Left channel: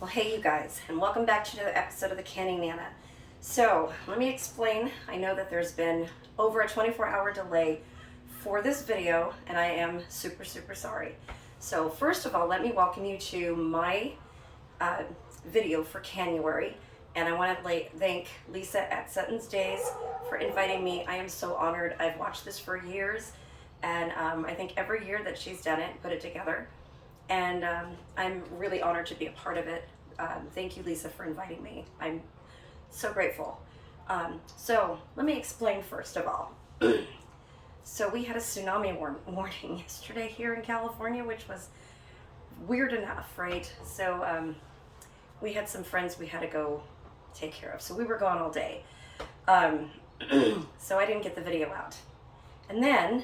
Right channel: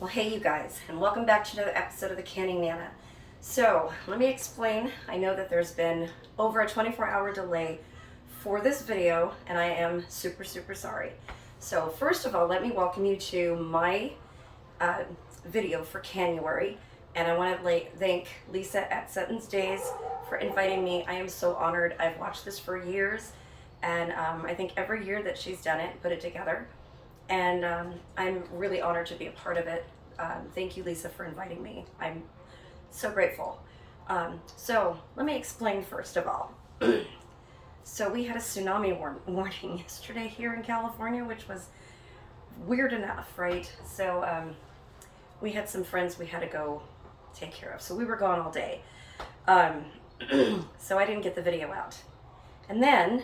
Well, hey you guys, and welcome back to another episode of the Canning Nana. So, let me explain. I know that there's been over a 24-hour delay for this video, and I am super sorry. So, first of all, let me welcome you to my video for Canuary, and I want to thank Lisa at Suttons Daze for inviting me. I am so honored. I've watched this for years, and I think every year that she's done it, put it together. And I'm really honored to be a part of it. Thank you, Lisa, for inviting me. I'm so grateful. So let me explain first of all. So we had a tsunami warning yesterday here in California, which was weird enough, right? So we had some friends we had to go take care of. So we were gone all day. So I didn't get the video out. And then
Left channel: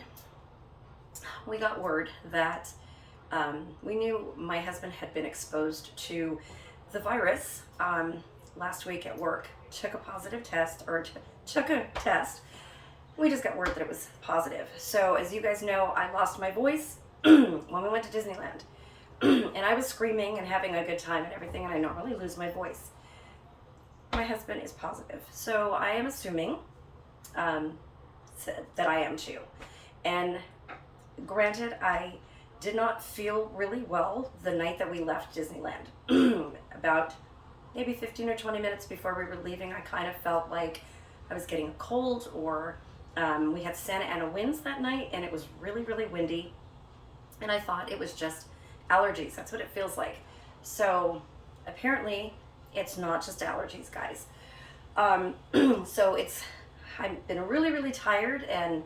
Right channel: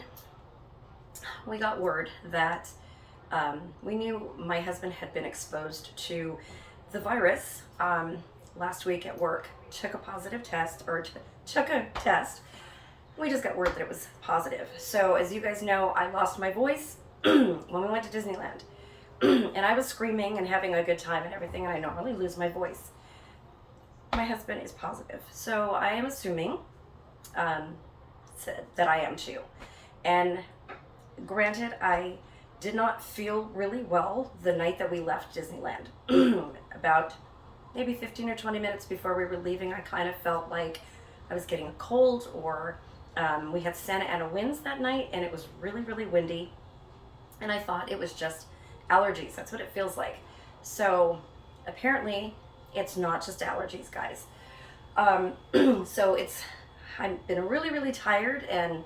we got word that we knew my husband had been exposed to the virus last week at work. Took a positive test, or took a test. We just got word that it was positive. So as you guys know, I lost my voice when we went to Disneyland. And I was screaming and having a good time and everything, and I normally lose my voice. My husband is positive. So I am assuming that I am too. And granted, I did not feel really well the night that we left Disneyland. About maybe 15 or 20 minutes before we were leaving, I kind of felt like I was getting a cold, or we had Santa Ana winds that night, and it was really windy, and I thought it was just allergies. That's what it feels like. So apparently it's not just allergies, guys. So I've been really tired, and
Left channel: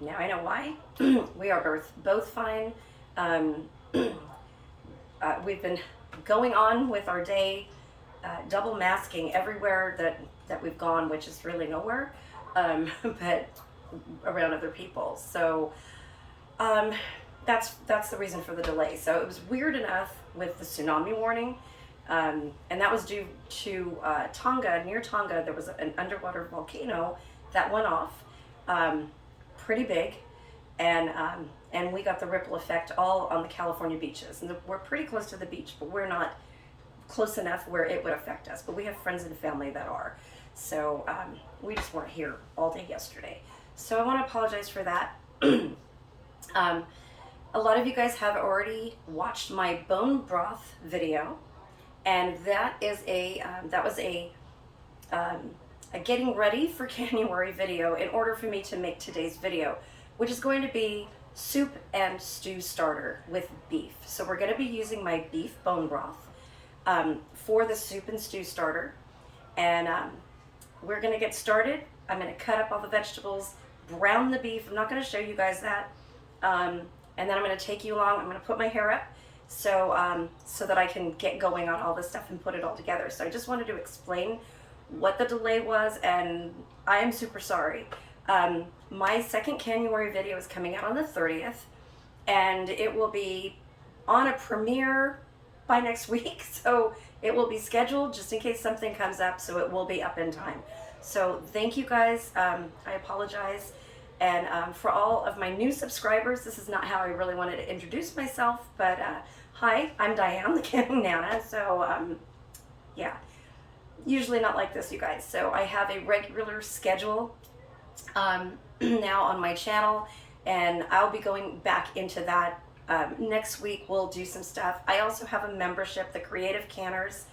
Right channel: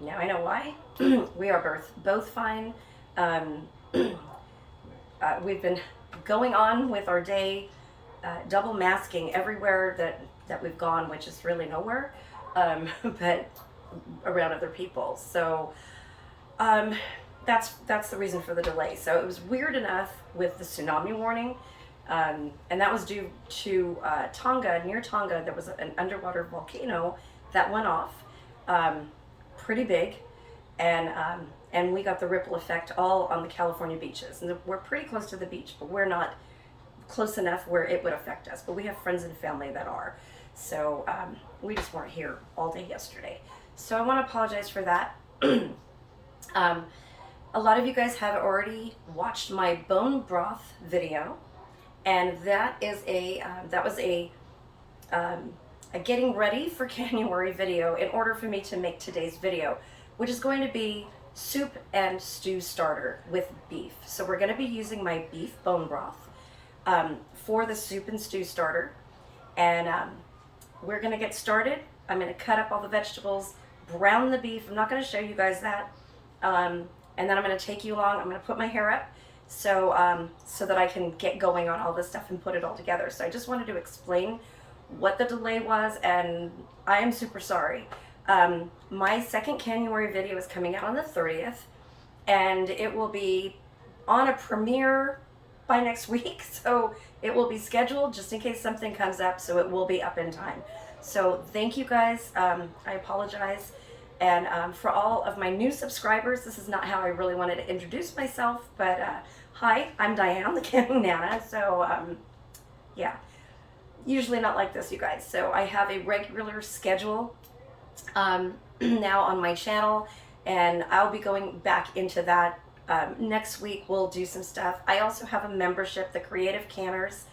now I know why. We are both fine. We've been going on with our day, double masking everywhere that we've gone, which is really nowhere, but around other people. So that's the reason for the delay. So it was weird enough with the tsunami warning, and that was due to Tonga. Near Tonga, there was an underwater volcano that went off, pretty big, and we got the ripple effect all on the California beaches. And we're pretty close to the beach, but we're not close enough where it would affect us. But we have friends and family that are. So we just weren't here all day yesterday. So I want to apologize for that. A lot of you guys have already watched my bone broth video, and that is that was a getting ready for Canuary video in order for me to make today's video, which is going to be soup and stew starter with beef. So we're going to be using my beef bone broth for the soup and stew starter, and we're going to get started. I'm going to cut up all the vegetables, brown the beef. I'm not going to show you guys that, and then I'm going to take you along. I'm going to put my hair up so so that I can get going on all this stuff and put it all together. So I just wanted to explain what the delay was, and I am super sorry. My second Canuary video is coming out on the 30th, and it will be on a premiere by next week, so it will be scheduled just in case something comes up, so it will be up in time. So thank you guys. I apologize, and for all of my new subscribers, this is not how I really wanted to introduce myself, but hi, I'm Diane, the Canning Nana. So yeah, usually not like this, you guys. So I have a regular schedule now on my channel, and I'll be going back into that next week. We'll do some stuff. I also have a membership, the Creative Canners.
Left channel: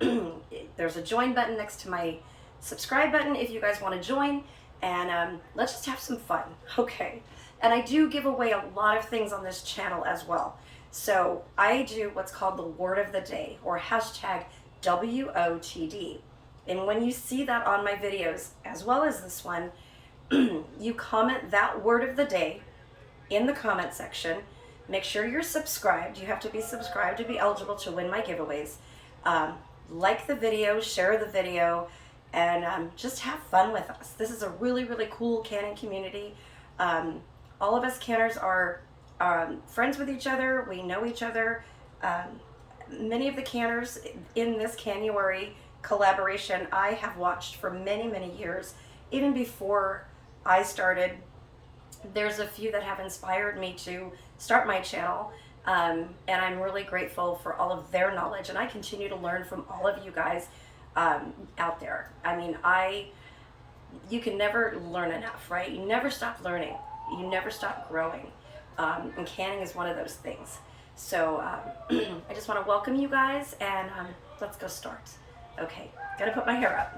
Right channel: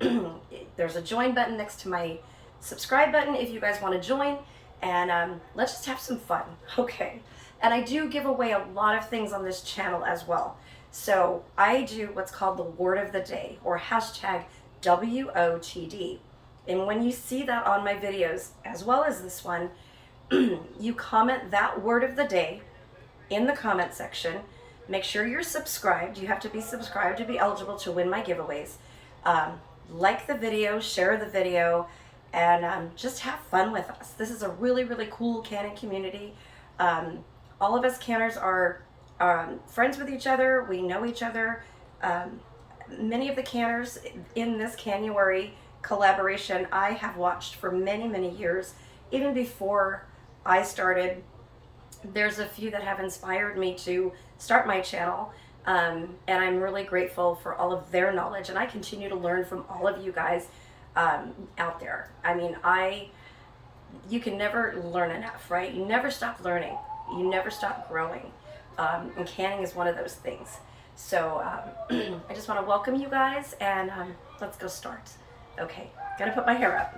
There's a join button next to my subscribe button if you guys want to join, and let's just have some fun. Okay, and I do give away a lot of things on this channel as well. So I do what's called the word of the day, or hashtag WOTD. And when you see that on my videos, as well as this one, you comment that word of the day in the comment section. Make sure you're subscribed. You have to be subscribed to be eligible to win my giveaways. Like the video, share the video, and just have fun with us. This is a really cool canning community. All of us canners are friends with each other. We know each other. Many of the canners in this Canuary collaboration I have watched for many years, even before I started. There's a few that have inspired me to start my channel. And I'm really grateful for all of their knowledge, and I continue to learn from all of you guys out there. I mean, you can never learn enough, right? You never stop learning. You never stop growing. And canning is one of those things. So I just want to welcome you guys, and let's go start. Okay, gotta put my hair up.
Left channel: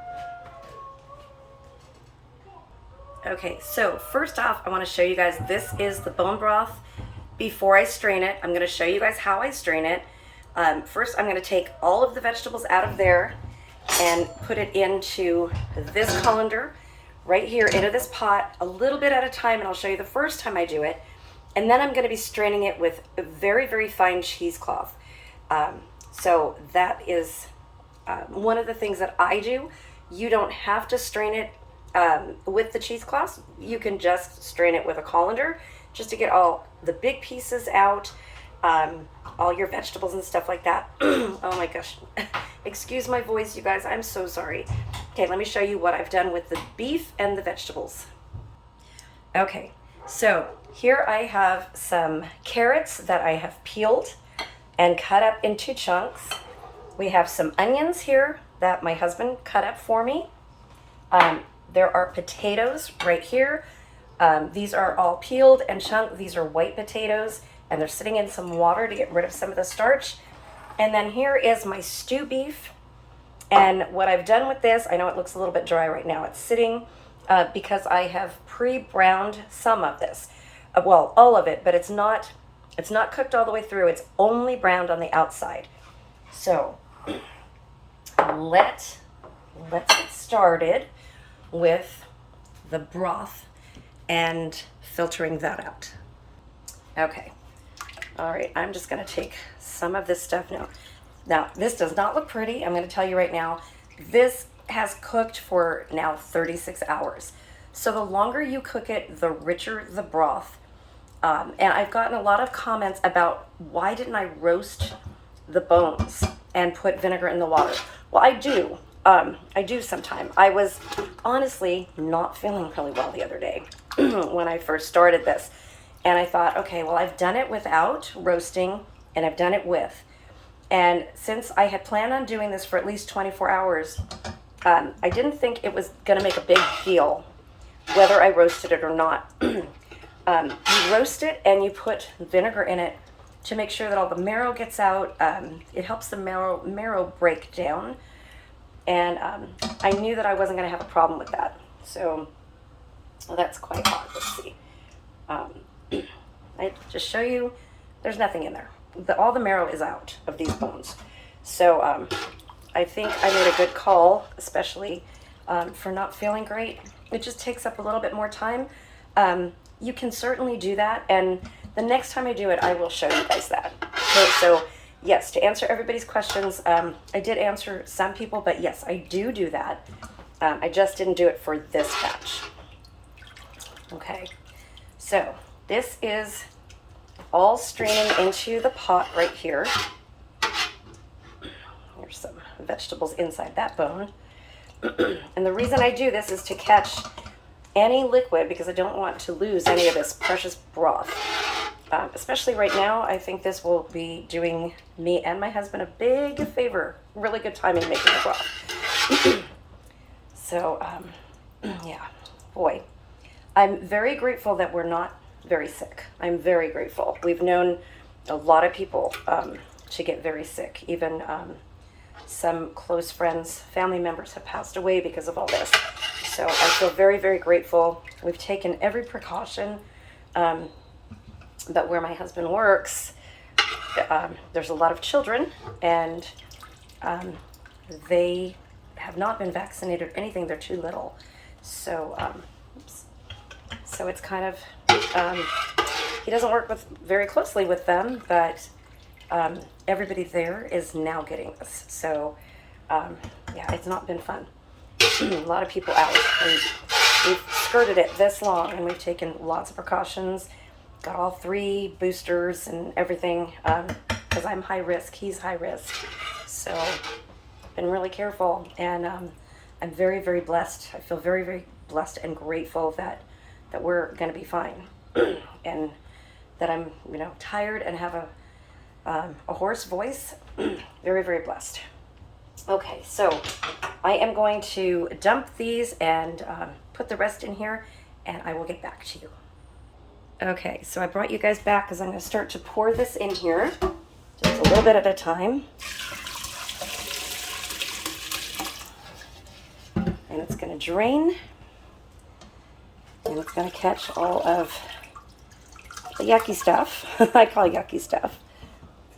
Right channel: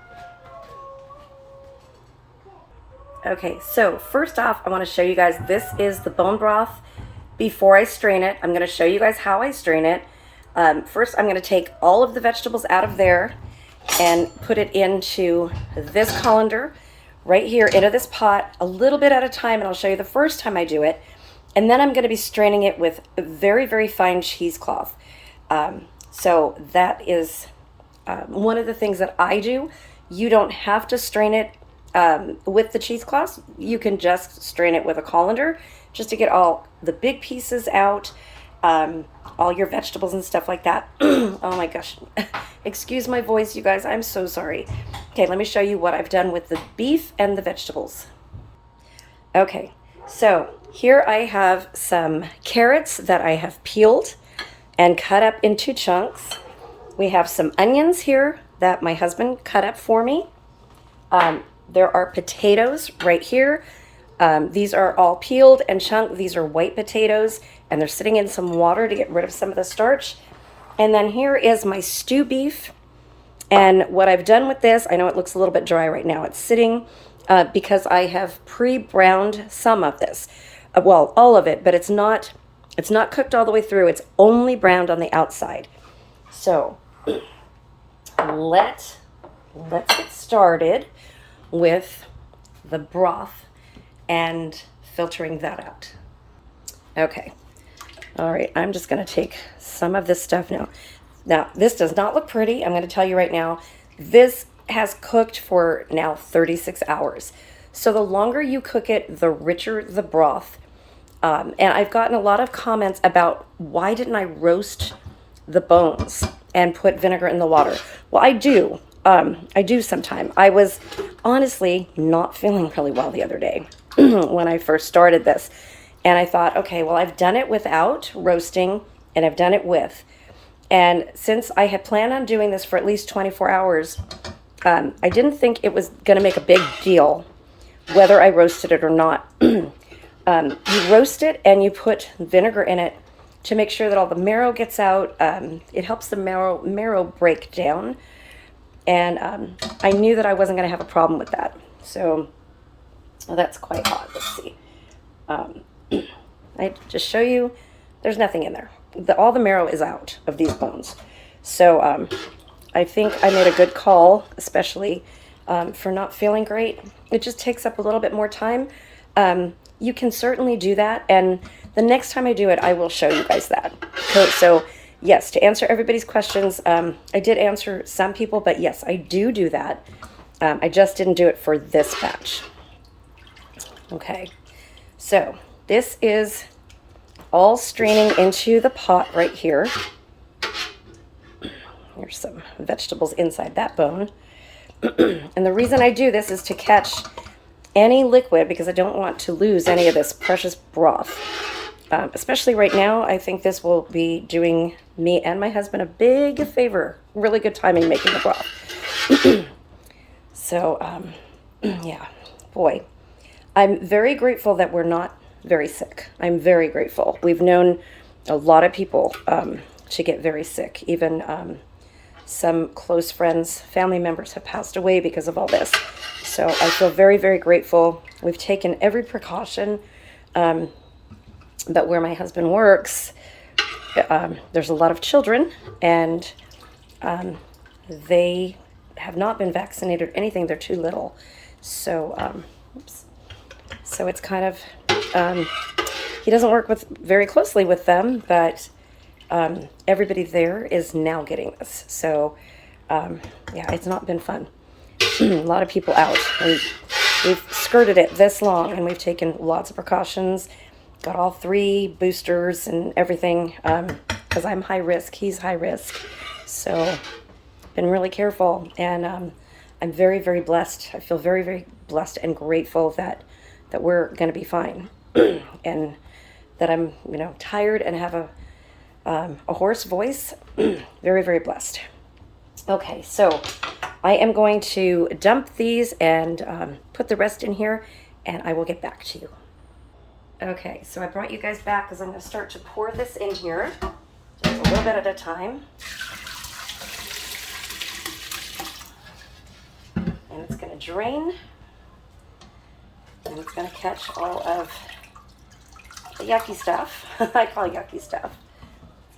Okay, so first off, I want to show you guys, this is the bone broth. Before I strain it, I'm going to show you guys how I strain it. First, I'm going to take all of the vegetables out of there and put it into this colander right here into this pot, a little bit at a time, and I'll show you the first time I do it. And then I'm going to be straining it with very, very fine cheesecloth. So that is one of the things that I do. You don't have to strain it with the cheesecloth. You can just strain it with a colander just to get all the big pieces out, all your vegetables and stuff like that. Oh my gosh. Excuse my voice, you guys. I'm so sorry. Okay, let me show you what I've done with the beef and the vegetables. Okay, so here I have some carrots that I have peeled and cut up into chunks. We have some onions here that my husband cut up for me. There are potatoes right here. These are all peeled and chunked. These are white potatoes, and they're sitting in some water to get rid of some of the starch. And then here is my stew beef. And what I've done with this, I know it looks a little bit dry right now. It's sitting because I have pre-browned some of this. Well, all of it, but it's not cooked all the way through. It's only browned on the outside. So let's get started with the broth and filtering that out. Okay. All right, I'm just gonna take some of this stuff now. Now, this does not look pretty. I'm gonna tell you right now, this has cooked for now 36 hours. So the longer you cook it, the richer the broth. And I've gotten a lot of comments about why didn't I roast the bones and put vinegar in the water? Well, I do. I do sometime. I was honestly not feeling really well the other day when I first started this. And I thought, okay, well, I've done it without roasting and I've done it with. And since I had planned on doing this for at least 24 hours, I didn't think it was going to make a big deal whether I roasted it or not. You roast it and you put vinegar in it to make sure that all the marrow gets out. It helps the marrow break down. And I knew that I wasn't going to have a problem with that. So that's quite odd. Let's see. I just show you, there's nothing in there. All the marrow is out of these bones. So I think I made a good call, especially for not feeling great. It just takes up a little bit more time. You can certainly do that. And the next time I do it, I will show you guys that. Okay, so yes, to answer everybody's questions, I did answer some people, but yes, I do that. I just didn't do it for this batch. Okay, so this is all straining into the pot right here. There's some vegetables inside that bone. And the reason I do this is to catch any liquid because I don't want to lose any of this precious broth. Especially right now, I think this will be doing me and my husband a big favor. Really good timing making the broth. So, yeah, boy. I'm very grateful that we're not very sick. I'm very grateful. We've known a lot of people to get very sick. Even some close friends, family members have passed away because of all this. So I feel very, very grateful. We've taken every precaution. But where my husband works, there's a lot of children, and they have not been vaccinated or anything. They're too little. So, so it's kind of, he doesn't work very closely with them, but everybody there is now getting this. So, yeah, it's not been fun. A lot of people out. We've skirted it this long, and we've taken lots of precautions. Got all 3 boosters and everything because I'm high risk. He's high risk. So been really careful, and I'm very, very blessed. I feel very, very blessed and grateful that we're going to be fine and that I'm, tired and have a hoarse voice. Very, very blessed. Okay, so I am going to dump these and put the rest in here, and I will get back to you. Okay, so I brought you guys back because I'm going to start to pour this in here, just a little bit at a time. And it's going to drain, and it's going to catch all of the yucky stuff. I call it yucky stuff.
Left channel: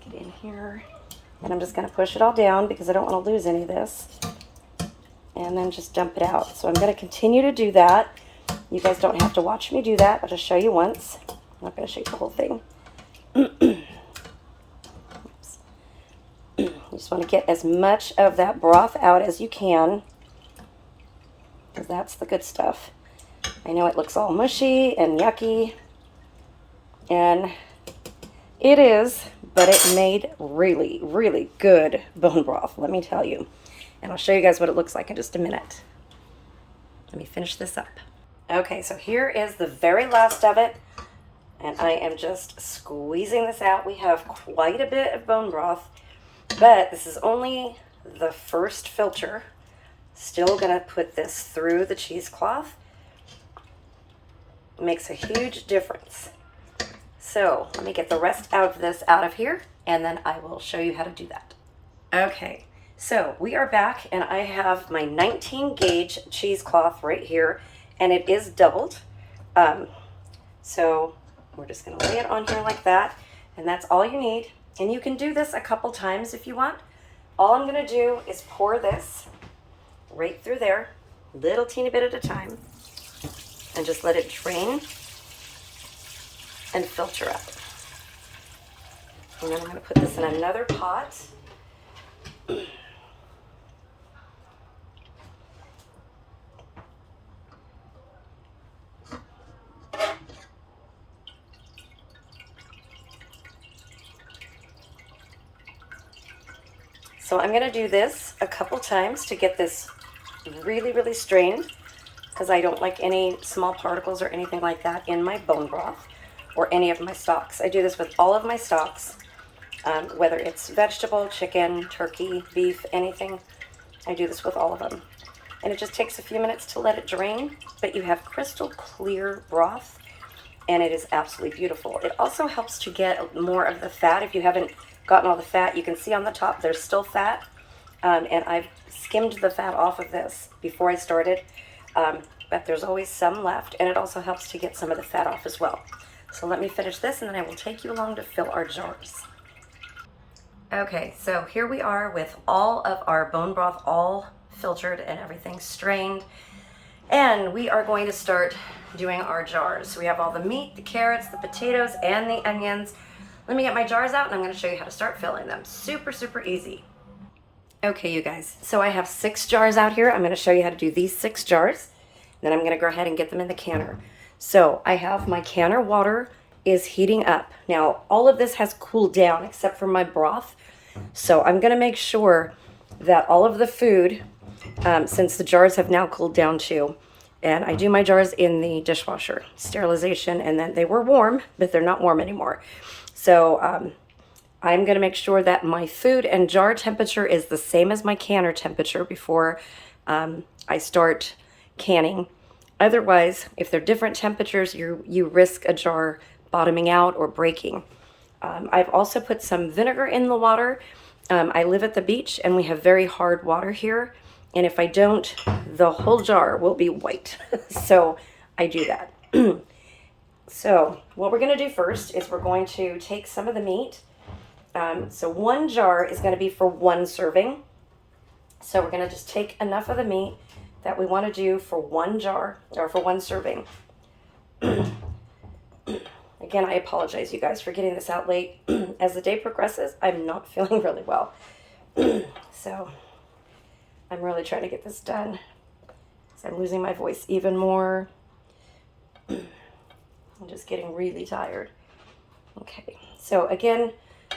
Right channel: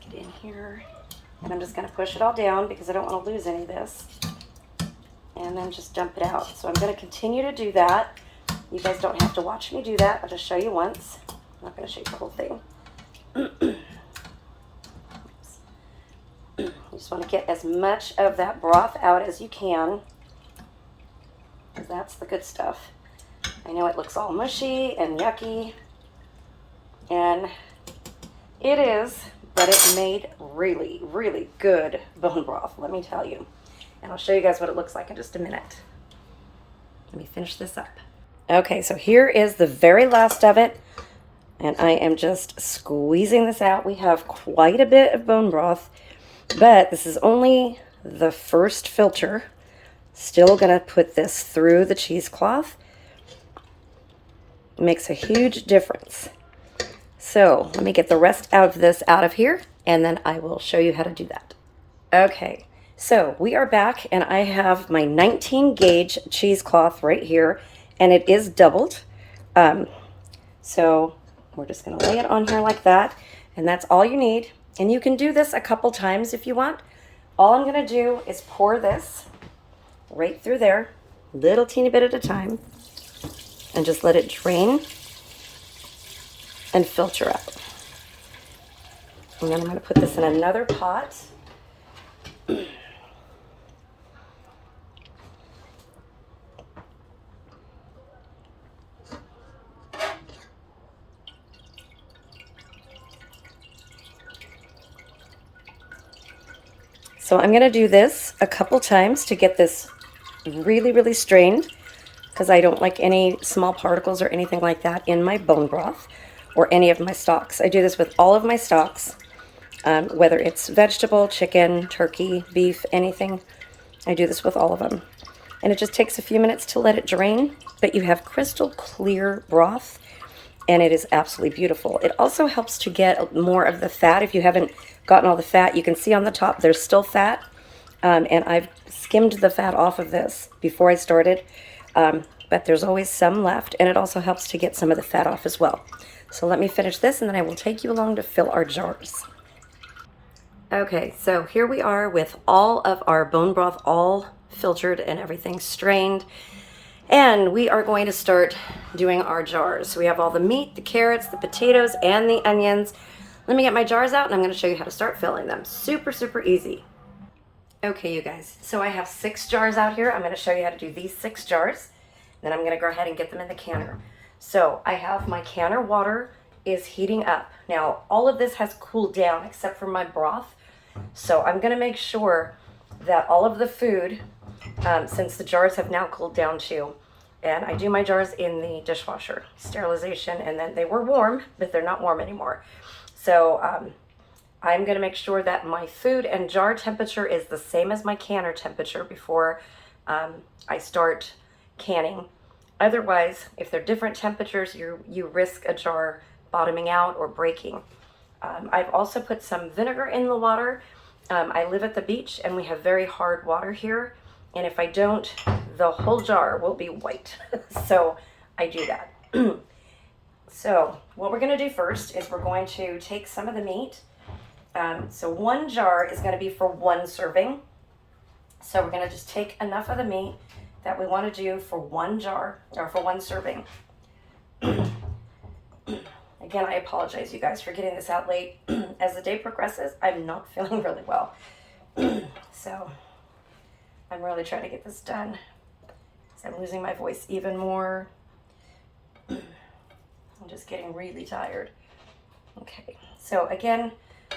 Let's get in here, and I'm just going to push it all down because I don't want to lose any of this, and then just dump it out. So I'm going to continue to do that. You guys don't have to watch me do that. I'll just show you once. I'm not going to show you the whole thing. You just want to get as much of that broth out as you can, because that's the good stuff. I know it looks all mushy and yucky, and it is, but it made really, really good bone broth, let me tell you. And I'll show you guys what it looks like in just a minute. Let me finish this up. Okay, so here is the very last of it, and I am just squeezing this out. We have quite a bit of bone broth, but this is only the first filter. Still gonna put this through the cheesecloth. It makes a huge difference. So let me get the rest of this out of here, and then I will show you how to do that. Okay, so we are back, and I have my 19 gauge cheesecloth right here, and it is doubled. So we're just gonna lay it on here like that, and that's all you need. And you can do this a couple times if you want. All I'm gonna do is pour this right through there, little teeny bit at a time, and just let it drain and filter up. And then I'm gonna put this in another pot. So I'm gonna do this a couple times to get this really, really strained, because I don't like any small particles or anything like that in my bone broth or any of my stocks. I do this with all of my stocks, whether it's vegetable, chicken, turkey, beef, anything. I do this with all of them. And it just takes a few minutes to let it drain, but you have crystal clear broth, and it is absolutely beautiful. It also helps to get more of the fat. If you haven't gotten all the fat, you can see on the top there's still fat, and I've skimmed the fat off of this before I started, but there's always some left, and it also helps to get some of the fat off as well. So let me finish this, and then I will take you along to fill our jars. Okay, so here we are with all of our bone broth all filtered and everything strained, and we are going to start doing our jars. So we have all the meat, the carrots, the potatoes, and the onions. Let me get my jars out, and I'm going to show you how to start filling them. Super, super easy. Okay, you guys, so I have 6 jars out here. I'm going to show you how to do these 6 jars. Then I'm going to go ahead and get them in the canner. So I have my canner water is heating up. Now, all of this has cooled down except for my broth. So I'm going to make sure that all of the food, since the jars have now cooled down too, and I do my jars in the dishwasher, sterilization, and then they were warm, but they're not warm anymore. So I'm going to make sure that my food and jar temperature is the same as my canner temperature before I start canning. Otherwise, if they're different temperatures, you risk a jar bottoming out or breaking. I've also put some vinegar in the water. I live at the beach, and we have very hard water here, and if I don't, the whole jar will be white. So I do that. So what we're going to do first is we're going to take some of the meat. So 1 jar is going to be for 1 serving. So we're going to just take enough of the meat that we want to do for 1 jar, or for 1 serving. Again, I apologize, you guys, for getting this out late. As the day progresses, I'm not feeling really well. So I'm really trying to get this done, because I'm losing my voice even more. I'm just getting really tired. Okay, so again,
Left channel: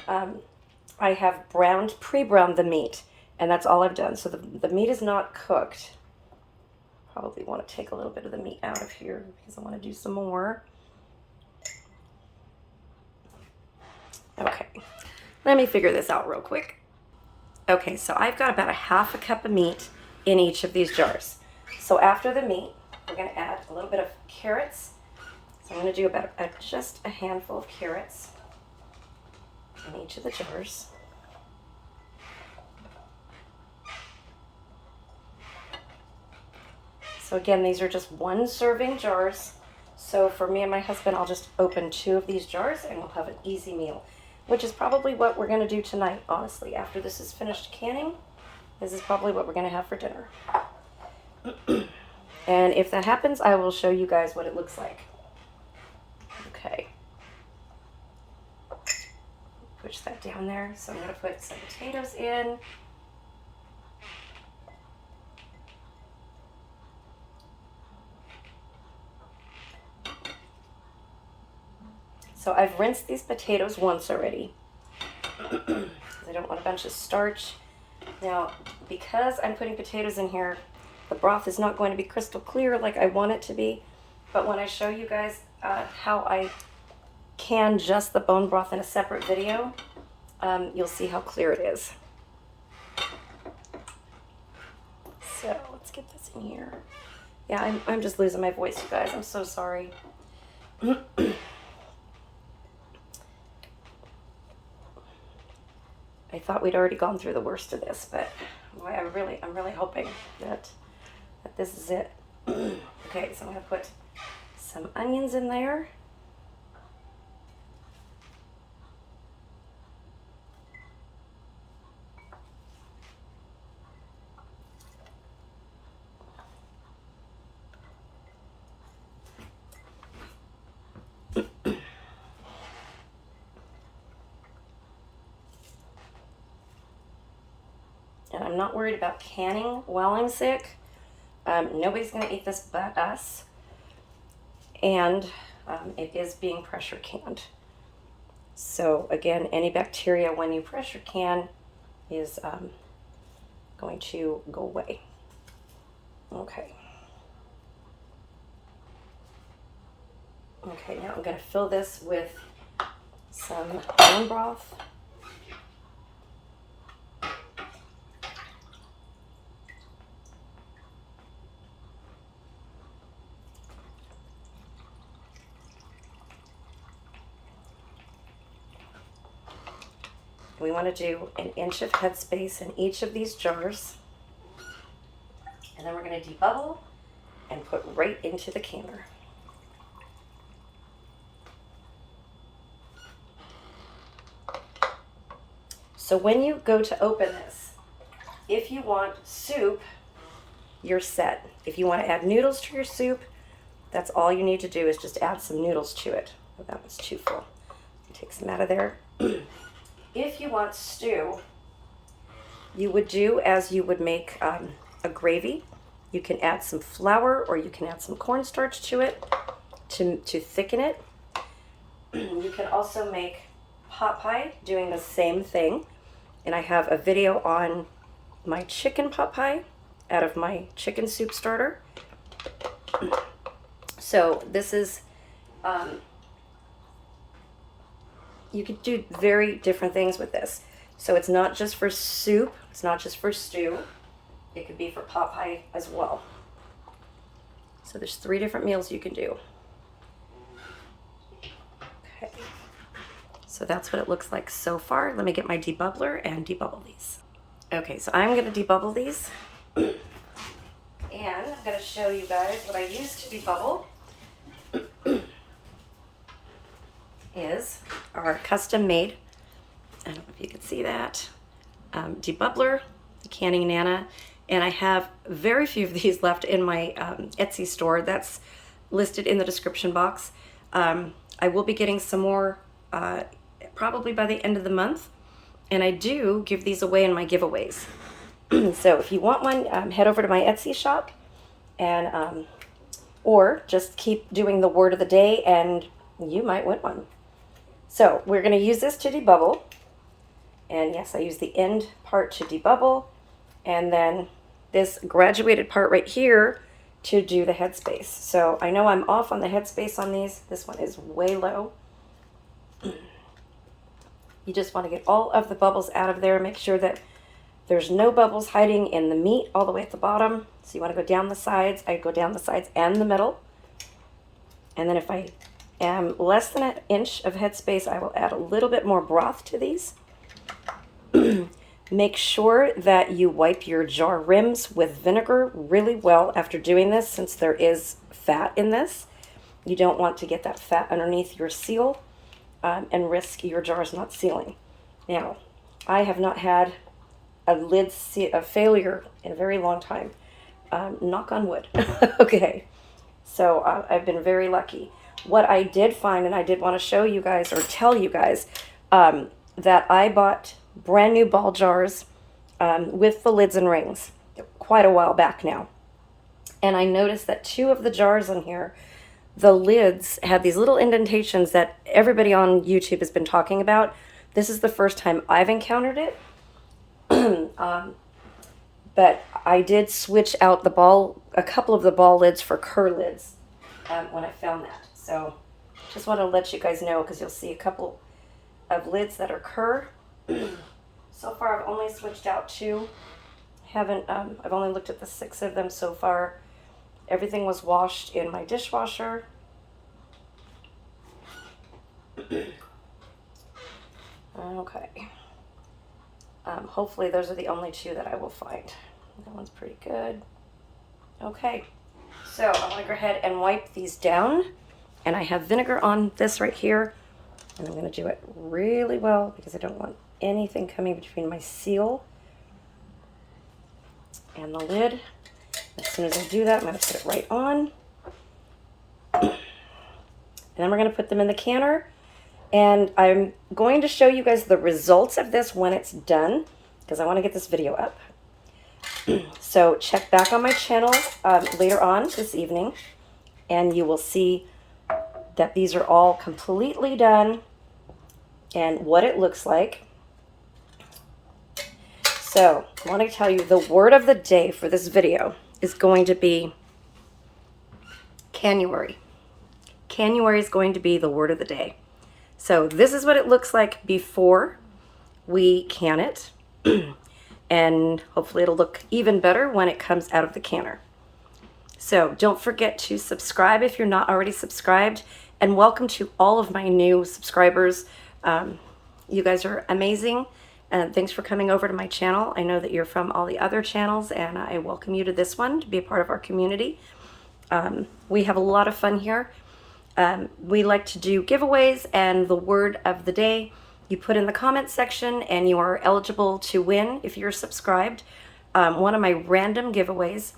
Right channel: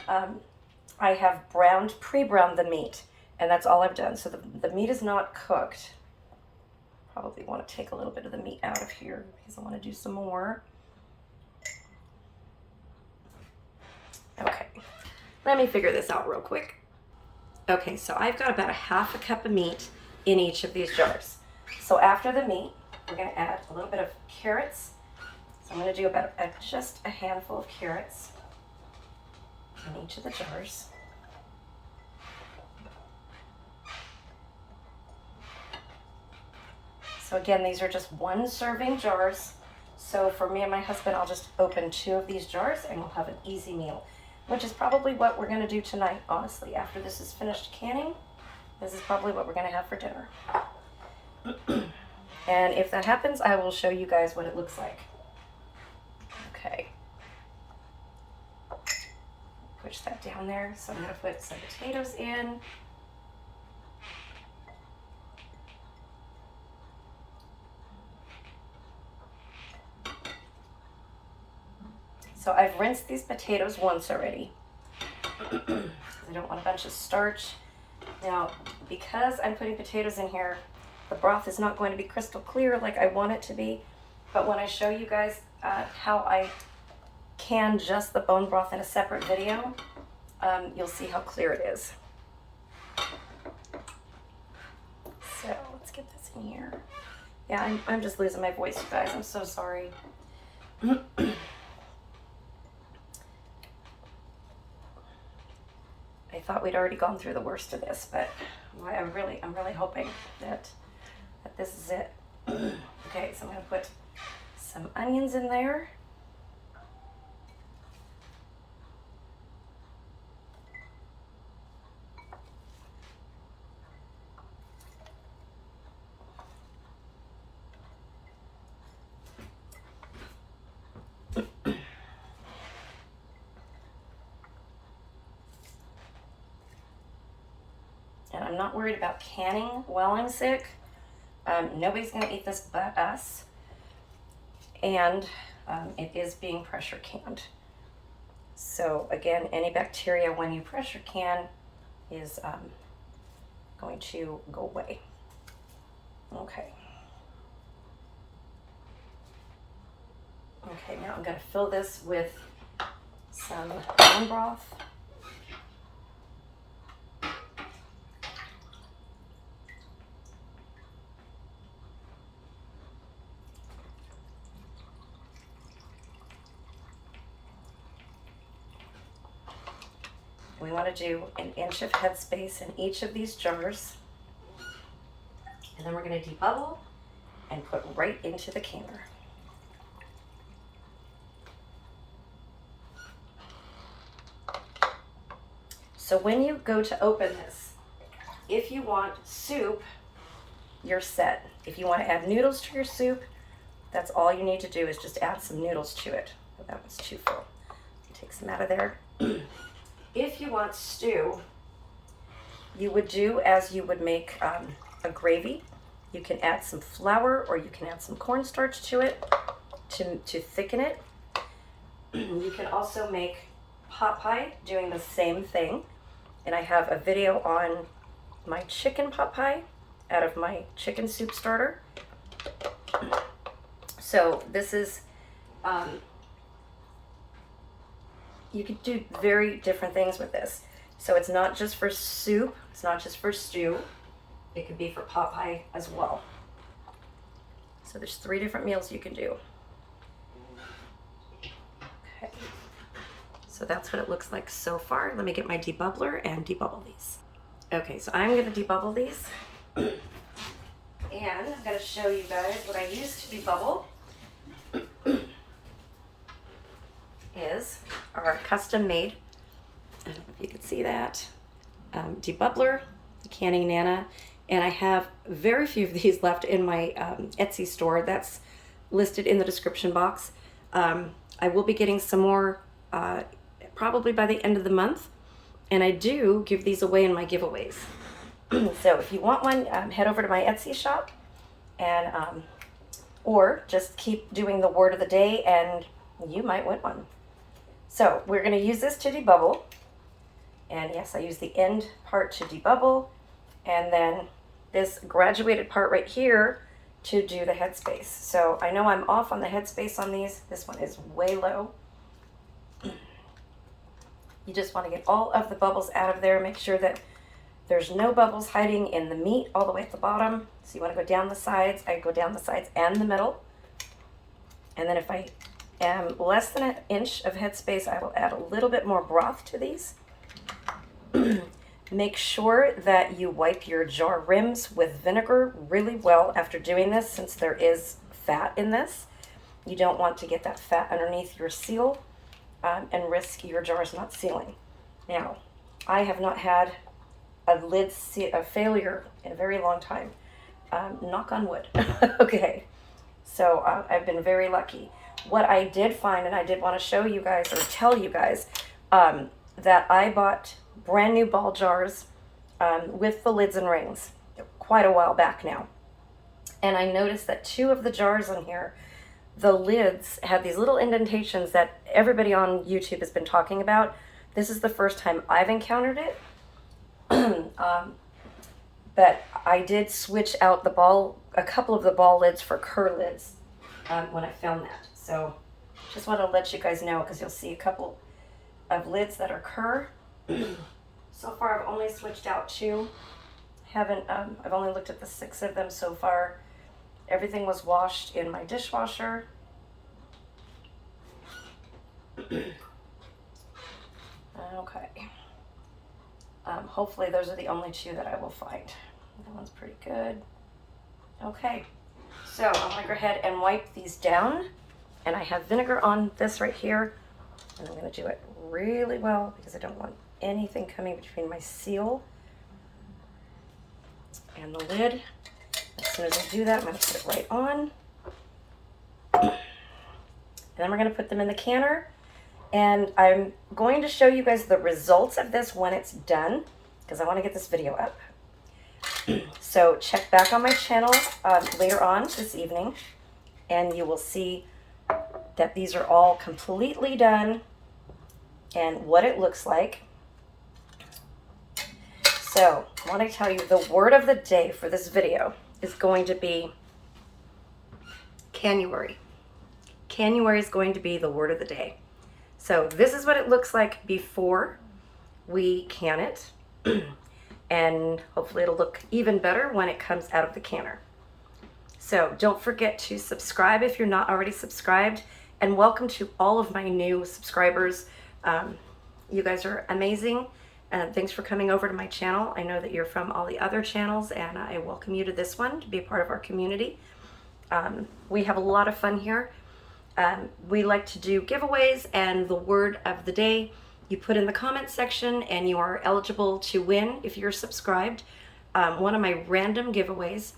I have pre-browned the meat, and that's all I've done. So the meat is not cooked. Probably want to take a little bit of the meat out of here because I want to do some more. Okay, Let me figure this out real quick. Okay, so I've got about a half a cup of meat in each of these jars. So after the meat, we're going to add a little bit of carrots. So I'm going to do about just a handful of carrots in each of the jars. So again, these are just 1 serving jars. So for me and my husband, I'll just open 2 of these jars and we'll have an easy meal, which is probably what we're going to do tonight, honestly. After this is finished canning, this is probably what we're going to have for dinner. And if that happens, I will show you guys what it looks like. Okay. Push that down there. So I'm going to put some potatoes in. So I've rinsed these potatoes once already because I don't want a bunch of starch. Now, because I'm putting potatoes in here, the broth is not going to be crystal clear like I want it to be. But when I show you guys how I can just the bone broth in a separate video, you'll see how clear it is. So let's get this in here. Yeah, I'm just losing my voice, you guys. I'm so sorry. I thought we'd already gone through the worst of this, but boy, I'm really hoping that this is it. Okay, so I'm going to put some onions in there. And I'm not worried about canning while I'm sick. Nobody's going to eat this but us. And it is being pressure canned. So again, any bacteria when you pressure can is going to go away. Okay. Okay, now I'm going to fill this with some bone broth. We want to do an inch of headspace in each of these jars. And then we're going to debubble and put right into the canner. So when you go to open this, if you want soup, you're set. If you want to add noodles to your soup, that's all you need to do is just add some noodles to it. Oh, that was too full. Take some out of there. If you want stew, you would do as you would make a gravy. You can add some flour or you can add some cornstarch to it to thicken it. You can also make pot pie doing the same thing. And I have a video on my chicken pot pie out of my chicken soup starter. So this is, you could do very different things with this. So it's not just for soup, it's not just for stew. It could be for pot pie as well. So there's 3 different meals you can do. Okay. So that's what it looks like so far. Let me get my debubbler and debubble these. Okay, so I'm going to debubble these. And I'm going to show you guys what I use to debubble. Is our custom made, I don't know if you can see that, debubbler, the Canning Nana, and I have very few of these left in my Etsy store. That's listed in the description box. I will be getting some more probably by the end of the month, and I do give these away in my giveaways. So if you want one, head over to my Etsy shop, and or just keep doing the word of the day and you might win one. So we're going to use this to debubble, and yes, I use the end part to debubble, and then this graduated part right here to do the headspace. So I know I'm off on the headspace on these. This one is way low. You just want to get all of the bubbles out of there. Make sure that there's no bubbles hiding in the meat all the way at the bottom. So you want to go down the sides. I go down the sides and the middle. And then if I am less than an inch of headspace, I will add a little bit more broth to these. Make sure that you wipe your jar rims with vinegar really well after doing this, since there is fat in this. You don't want to get that fat underneath your seal and risk your jars not sealing. Now, I have not had a failure in a very long time. Knock on wood. Okay, so I've been very lucky. What I did find, and I did want to show you guys or tell you guys, that I bought brand new ball jars with the lids and rings quite a while back now. And I noticed that 2 of the jars in here, the lids had these little indentations that everybody on YouTube has been talking about. This is the first time I've encountered it. But I did switch out a couple of the ball lids for Kerr lids when I found that. So just want to let you guys know, because you'll see a couple of lids that are Kerr. So far I've only switched out 2. I've only looked at the 6 of them so far. Everything was washed in my dishwasher. Okay. Hopefully those are the only 2 that I will find. That one's pretty good. Okay, so I'm gonna go ahead and wipe these down. And I have vinegar on this right here. And I'm gonna do it really well because I don't want anything coming between my seal and the lid. As soon as I do that, I'm going to put it right on. And then we're going to put them in the canner. And I'm going to show you guys the results of this when it's done, because I want to get this video up. So check back on my channel later on this evening, and you will see that these are all completely done and what it looks like. So I want to tell you the word of the day for this video is going to be Canuary. Canuary is going to be the word of the day. So this is what it looks like before we can it. And hopefully it'll look even better when it comes out of the canner. So don't forget to subscribe if you're not already subscribed. And welcome to all of my new subscribers. You guys are amazing. And thanks for coming over to my channel. I know that you're from all the other channels, and I welcome you to this one to be a part of our community. We have a lot of fun here. We like to do giveaways, and the word of the day you put in the comment section, and you are eligible to win if you're subscribed. One of my random giveaways,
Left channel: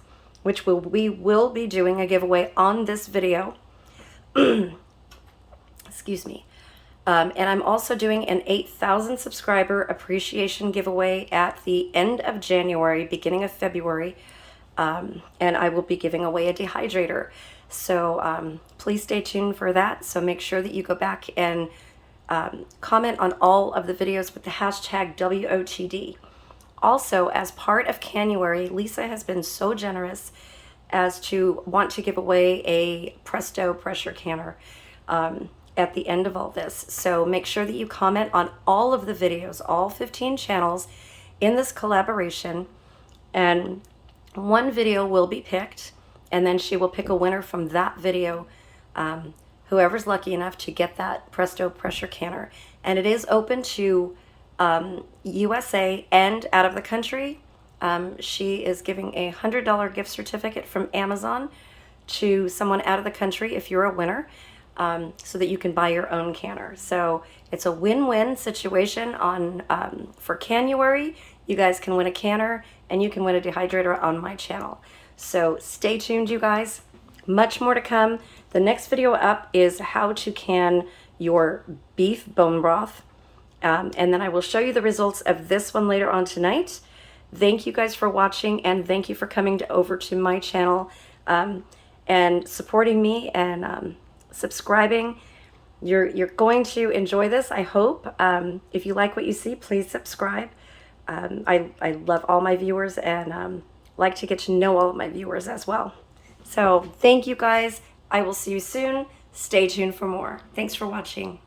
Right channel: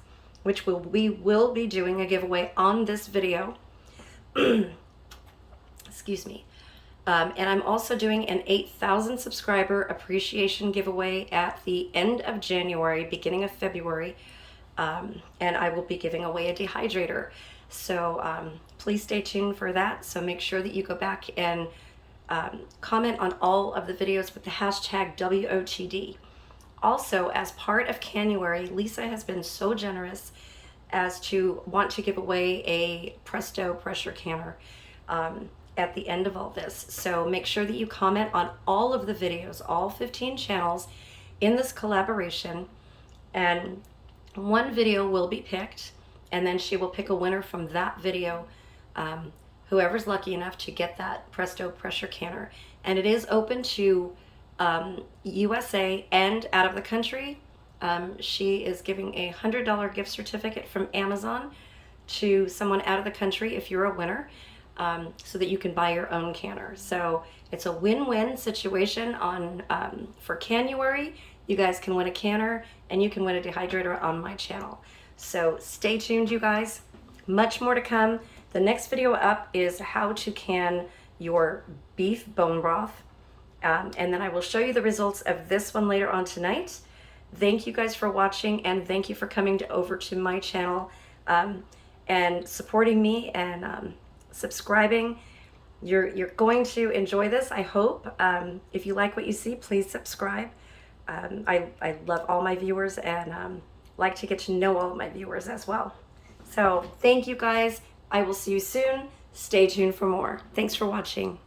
which we will be doing a giveaway on this video. Excuse me. And I'm also doing an 8,000 subscriber appreciation giveaway at the end of January, beginning of February. And I will be giving away a dehydrator. So please stay tuned for that. So make sure that you go back and comment on all of the videos with the hashtag WOTD. Also, as part of Canuary, Lisa has been so generous as to want to give away a Presto pressure canner at the end of all this. So make sure that you comment on all of the videos, all 15 channels in this collaboration, and one video will be picked, and then she will pick a winner from that video, whoever's lucky enough to get that Presto pressure canner. And it is open to USA and out of the country. She is giving a $100 gift certificate from Amazon to someone out of the country if you're a winner. So that you can buy your own canner. So it's a win-win situation on for Canuary. You guys can win a canner, and you can win a dehydrator on my channel. So stay tuned, you guys. Much more to come. The next video up is how to can your beef bone broth. And then I will show you the results of this one later on tonight. Thank you guys for watching, and thank you for coming over to my channel and supporting me and subscribing. You're going to enjoy this, I hope. If you like what you see, please subscribe. I love all my viewers, and like to get to know all of my viewers as well. So thank you guys. I will see you soon. Stay tuned for more. Thanks for watching.